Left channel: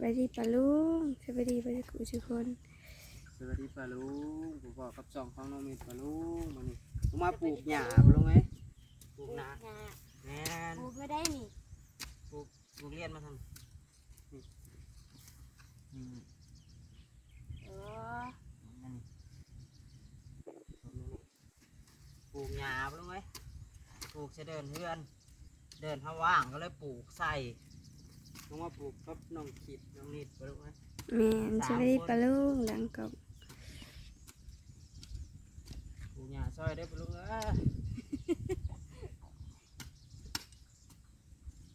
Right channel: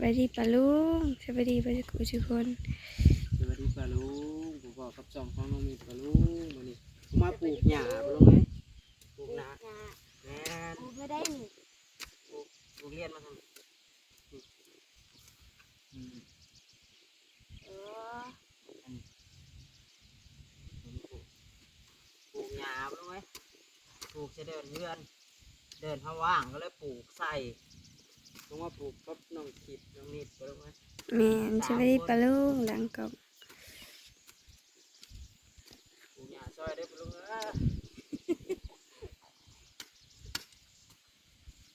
บายดีปะลุงสบายดีปะกูทุกคนสวัสดีปลาลุงผมบอกกับสองของน้องมีปลาลุงมานี่ผมมาปลูกหญ้าปลุงไหมปลูกนาแม่นกูกไม่ได้นี่ปลูกปลูกเรียนมาทำนี่อืมโอ้อันนี้ปลูกหญ้าปลุงไหมปลูกจะเดินเฮือน เดินถ้าว่างก็เลยปลูกใส่ ผมว่าปลูกกับน้องขิดน้องนิดปลุงไหมแม่นสบายดีปะลุงหลังกล่องปลูกหญ้าซอยได้ปลุงเอ้ย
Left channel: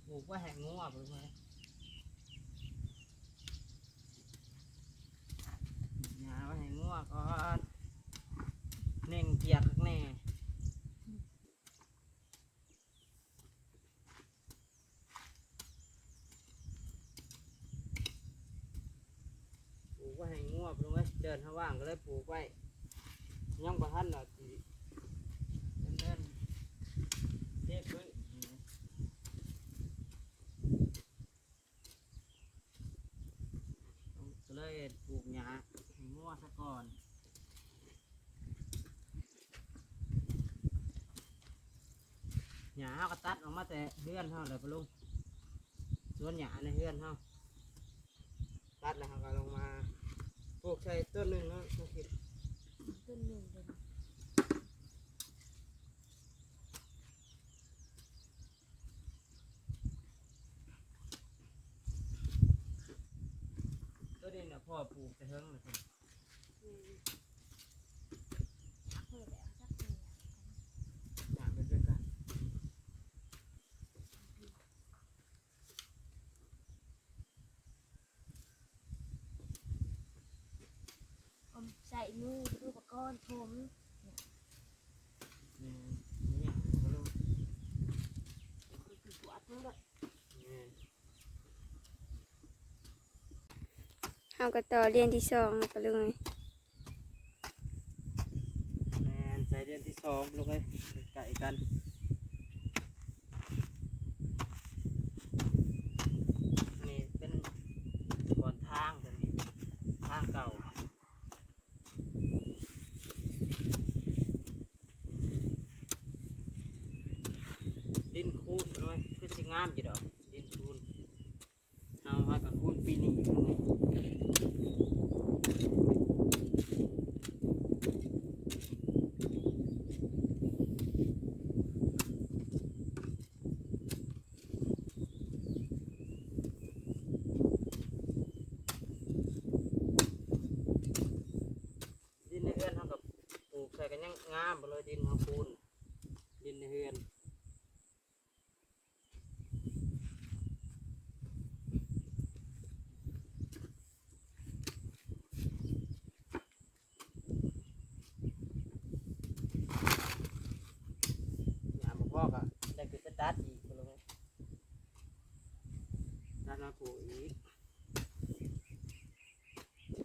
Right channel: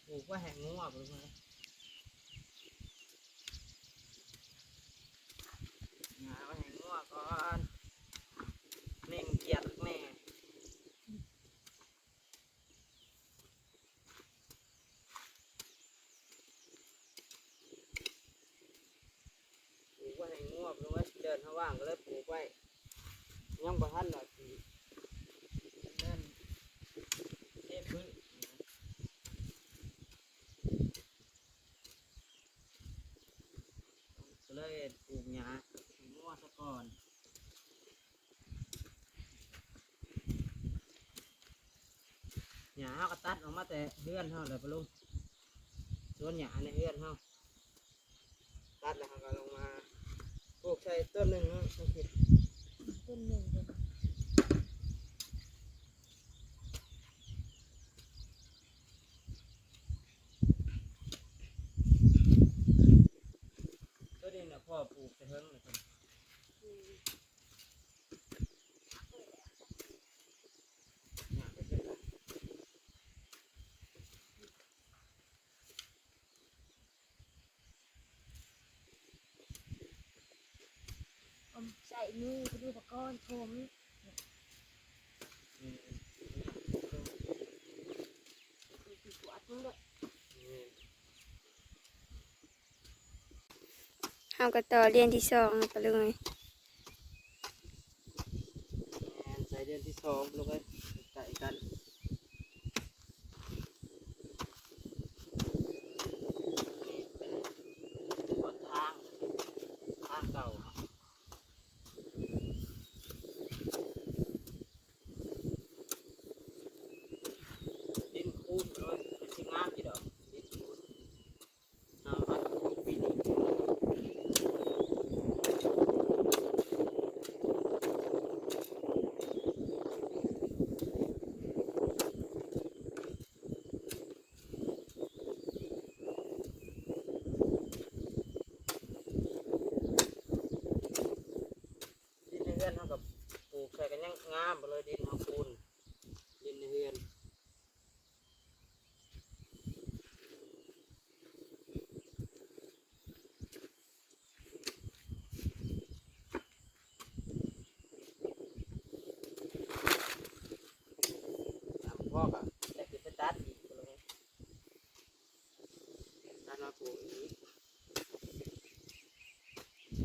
ปลูกว่าแห่งงัวปลุงไหมหาให้งัวก่อนเน่งเกียดแม่ปลูกไว้ให้งัวปลูกไว้เดินเขาว่างก็เลยปลูกไว้ ยังบ่ทันละสีนั่นเทพื้นก็เลยปลูกหญ้าให้งัวซะก่อน หญ้าก็ตัดออกมาแต่เฮือนเฮาเลยปะลุงส่วนหญ้าในเฮือนเฮาตัดแล้วเฮาก็ลงมาปลู กใส่ต้นหนึ่งเนาะต้องคิดต้นหนึ่งเลยต้นนี้เนี่ยพ่อปลูกไปเฮิงเลยครับหญ้าเป็นเป็นไร อ มือไปดูปะก้อนผมนี่เนี่ยปะลุงปวดมึงเลยเฮาก็ต่อเรียนที่สองไปเลยแม่นใส่เรียนที่สองปะลุงไปไก่กันเป็นหัวทางแบบนี้ทางเก่าดินคูนเลยเป็นสิงามจีดอกดินคูนเอามาคูนปีนี้ดินในเฮือนเท่ากับปลูกใส่กัน ยังงามไปเลยดินในเฮือน ถามพ่อก็ได้คือไปตัดอีกก็เลยตัดมาปลูกอีก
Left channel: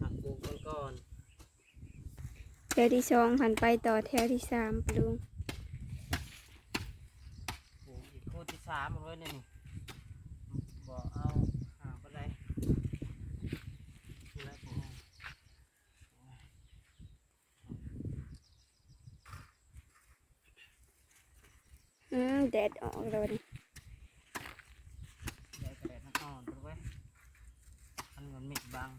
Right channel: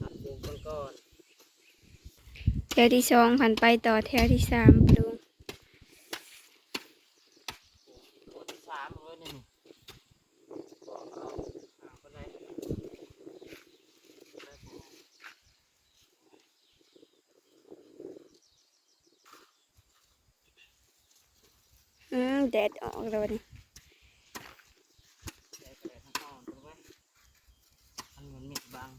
ตัดปลูกมันก่อน แถวที่สองผ่านไปต่อแถวที่สามปะลุงปลูกอีกโคนที่สามเลยเนี่ยบอกเอาหาคนไหนคนไหนปลูกอืมแดดออกแล้วนี่ ได้กระดาษอ่อนๆตัวไว้มันเหมือนมิดบัง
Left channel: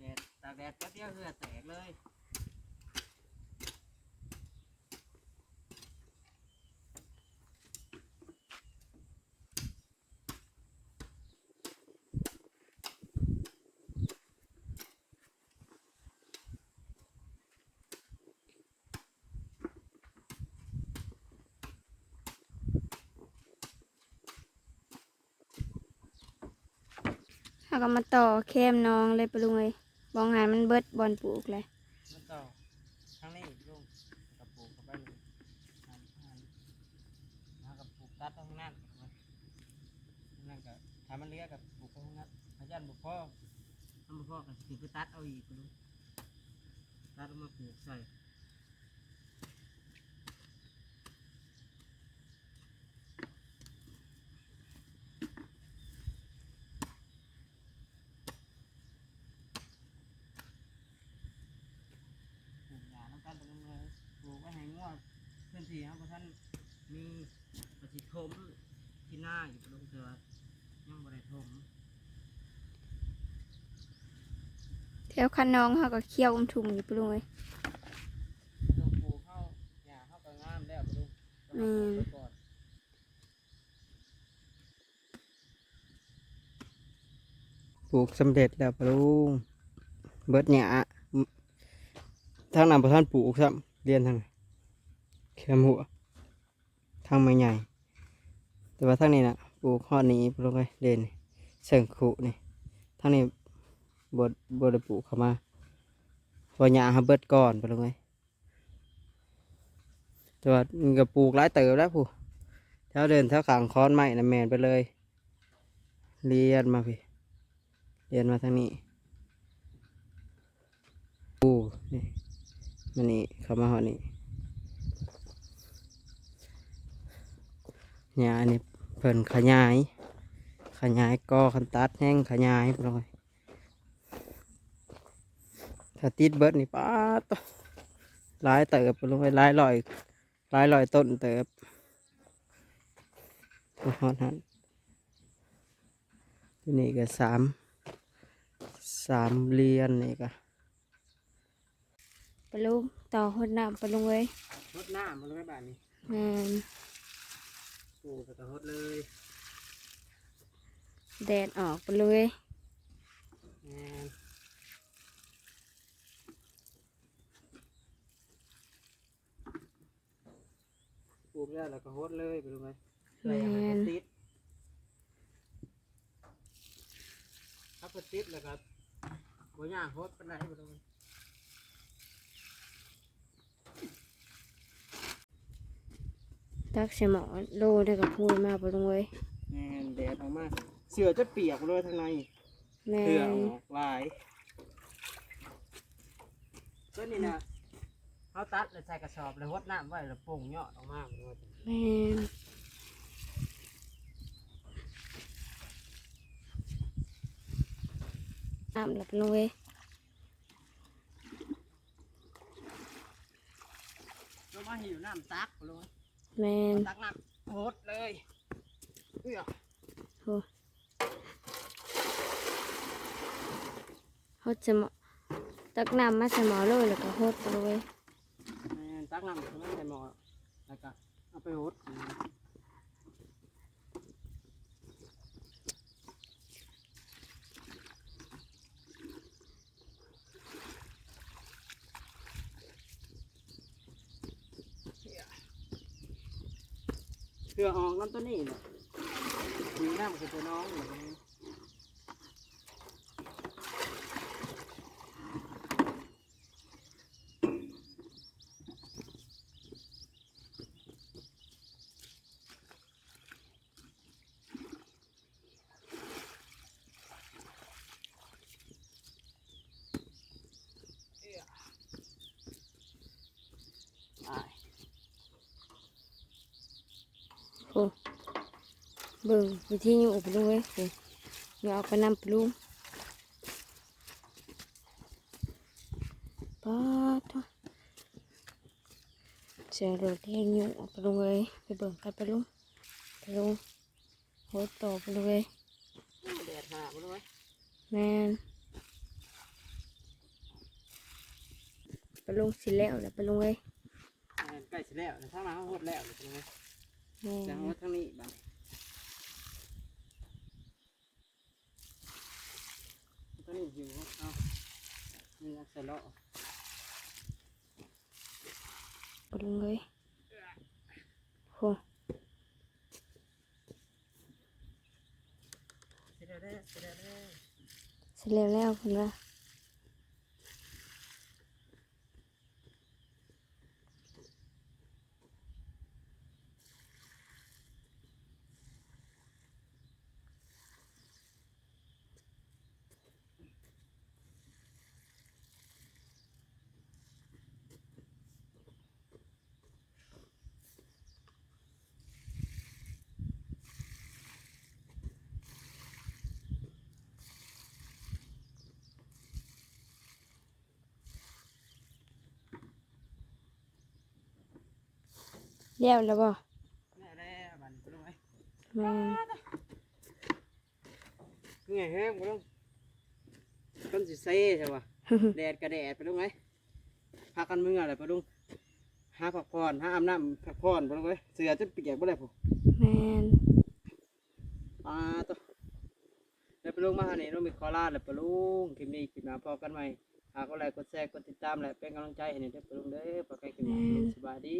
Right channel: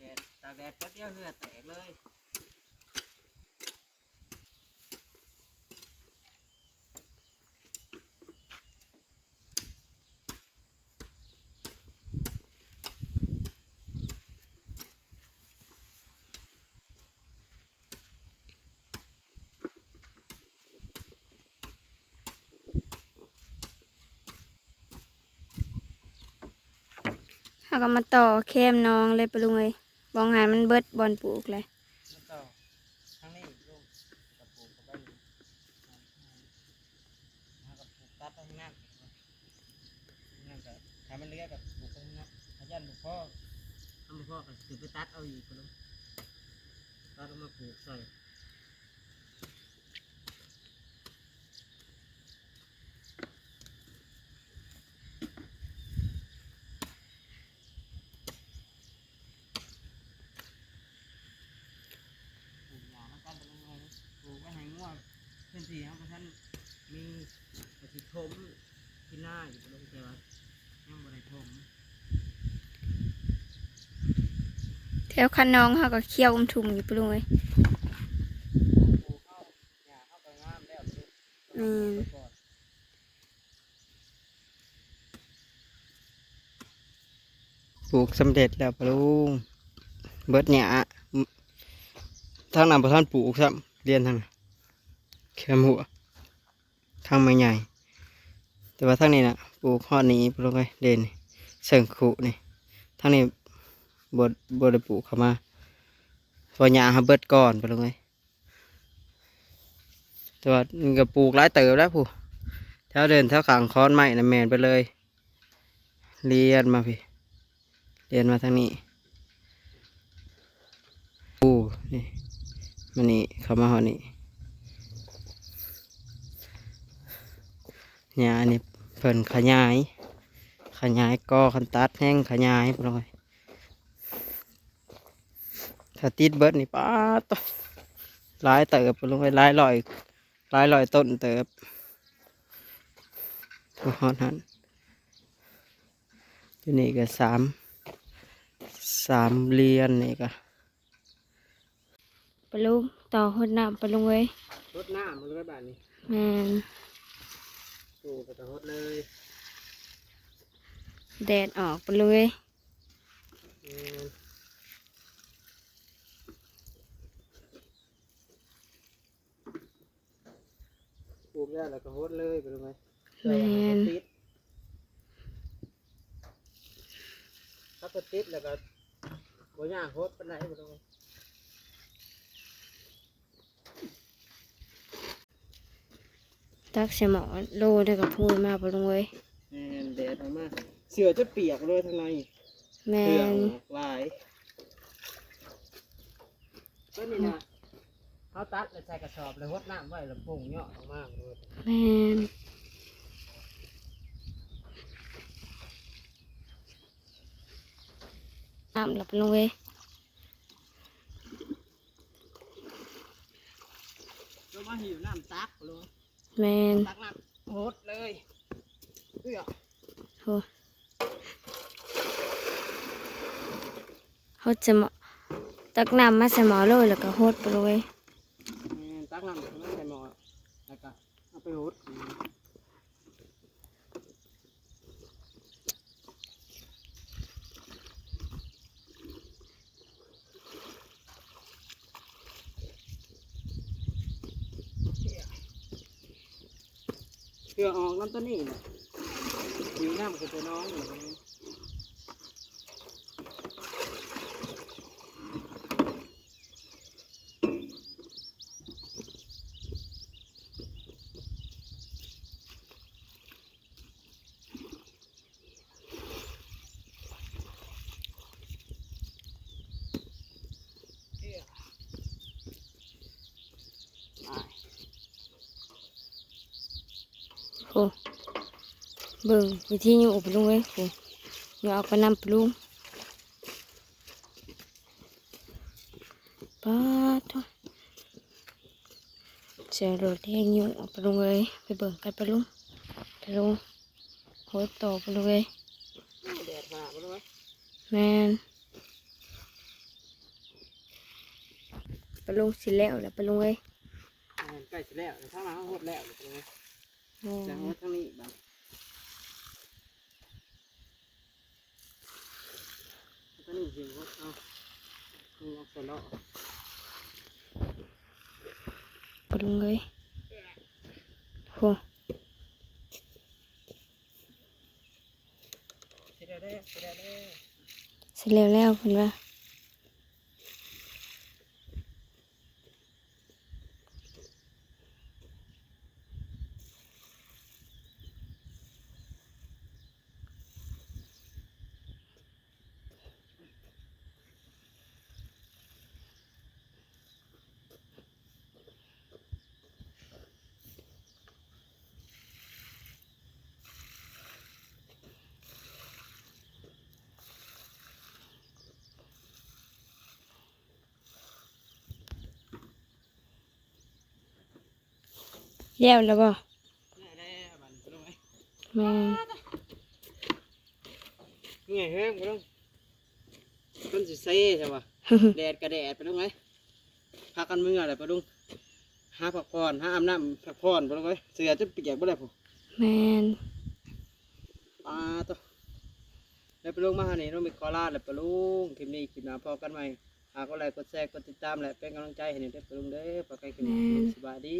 แดดตาก แดดแป๊บเดียวเหือแตกเลยาก็มาต่อแคมน้องเลยปะลุงเอ้ย บองหายมันเบิดบอลปลูกเลยมาต่อทางนี้ลุงกับปลูกกับใบนี้หันหันมากับปลูกตัดทางนั้นนั่นก็ถ้ามันเลี้ยกับปลูกทางนั้นถ้ยันบุพ่อทำบุพ่อก็คือไปตัดเอาอีกก็ลุงตัดเอามาปลูกใส่ พื้นที่ครับท่านมีประสิทธิมที่หน้าอยู่ปลุงแต่ว่ายังบ่ได้ถมแถวคันน้องเขาก็เคี่ยวอุ้มทุ่มอยู่ปลุงเลยปลูกเข้าหญ้าเข้าก็งามแล้วปลุงอืมไปก่อนปลูกสำเร็จแล้วปลุงเบิดหญ้าทางนั้นบ่ท่านปลูกซ้ำเรียนทางนั้น แคมหัวทางไม่ใหญ่ แต่ว่าทางนี้น่ะปลูกฮอนี้ปลูกไว้เด่นเสิงขุนี่ทางนี้บดบดได้ปลูกเข้ามาเพอหญ้าเขาเบิดก่อนปลูกไว้แต่ว่ามันก็ปลูกหลายเติบแล้วผู้แถวเดินแถวขางค้อนไม้น่ะแมนไปเลย เรียนมาพี่เรียนมาทางนี้ปูนี่มันนี่เข้ามาหอนี่ หญ้านี่เพิ่นขยาย ขยายกอคันตัดแห้งขยายไปเลยถ้าติดเบิดนี่ป้าดตหลายเติบไปลงไปหลายลอยหลายลอยต้นเติบทุกฮอดหันที่นี่ก็สามสามเรียนนี่ก็ปลุงต่อหดน้ำปลุงเลยรดน้ำมาเลยบ้านนี้แมน ปลูกก็จะรดเลยแดดออกปลุงเลยแม่นปลูกแล้วแล้วก็รดเลยไปเลยแมนติดถ้าก็ติดแล้วก็บ่ยากโคตรปานใดบ่ต้อง ตักเสยหมอโลได้กับพูนมาปลุงเลยแม่นแดดออกมาเสือจะเปียกเลยทางในแมเสือนออกลายก็นี่นะเขาตัดแล้วใส่กระสอบแล้วหดน้ำไว้แล้วปรุงยอดออกมาเลยแมนน้ำหลับปลุงเลยแล้วมาหิวน้ำตักเลย แมนตักน้ำหดเลยเพื่อโหเขาจะหมอตักน้ำมาใส่หมอเลยแล้วก็หดปลุงเลยแม่นตักน้ำแล้วใส่หม้อแล้วก็เอาไปหด เพื่อออกน้ำตัวนี้เนี่น้ำคือตัวน้องนี้ โหเบิ่งวิธีอยู่ปลุงเลยโหอยู่เอาไปนำปลุงป้าดโถ่เสียงรถแห้งอยู่ปลุงเลยไปเบิ่งกันปลุงปลุงโหดต่อปลุงเลยแดดหาบ่รู้ไหมแมนปลุงสิแล้วแหละปลุงเลยอ่าใกล้จะแล้วนะถ้ามาหดแล้วรู้ไหมโอ้ จะหดทางนี้บ้างทางนี้หิวเอานี่เอาใส่ล้อปลุงเลยโหเสร็จแล้วเด้อเสร็จแล้วเด้อสิแล้วแล้วเพิ่นว่า เลี้ยวแล้วบ่นี่แหละบัดนี้ปะลุงเอ้ยแม่นนี่แห้งปะลุงต้นสิเซ่ใช่ปะแดดกระแดดปะลุงเอ้ยพากันมึงอะไรปะลุงหาผักพรหาอาบน้ำผักพรปะลุงเอ้ยเสือจะเปียกบ่ได้ผมแม่นปลาตัวแล้วปะลุงมาหานี่ต้องมีคอลาดแล้วปะลุงคลิปนี้คลิปหน้าพอกันใหม่หากก็ไลค์กดแชร์กดติดตามและเป็นกำลังใจให้นี่เด้อปะลุงเด้อปะใครคลิปนี้สบายดี